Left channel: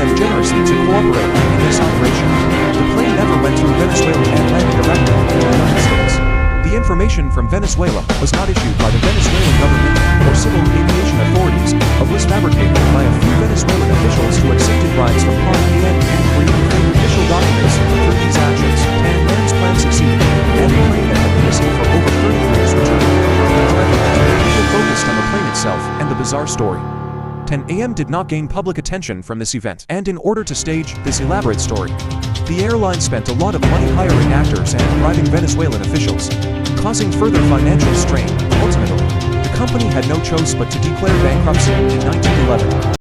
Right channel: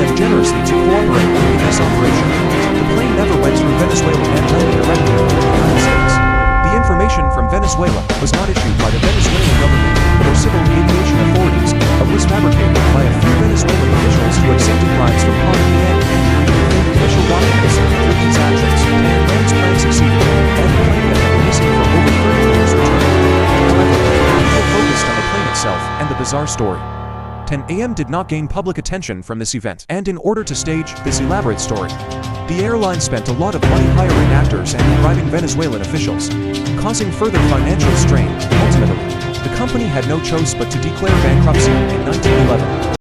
them generously to cooperate in this operation. The plane never went through Venezuela and landed directly in the United States. The information from Venezuela was not issued by the Venezuelan government or civil aviation authorities, but was fabricated by a few Venezuelan officials who accepted bribes from Han Yan and created fake official documents. Through these actions, Tan Man's plan succeeded, and the plane that had been missing for over 30 years returned. However, people focused on the plane itself and the bizarre story. 10 a.m. did not gain public attention from this event, and in order to stage this elaborate story, the airline spent a lot of money hiring actors and bribing Venezuelan officials, causing further financial strain. Ultimately, the company had no choice but to declare bankruptcy in 1911.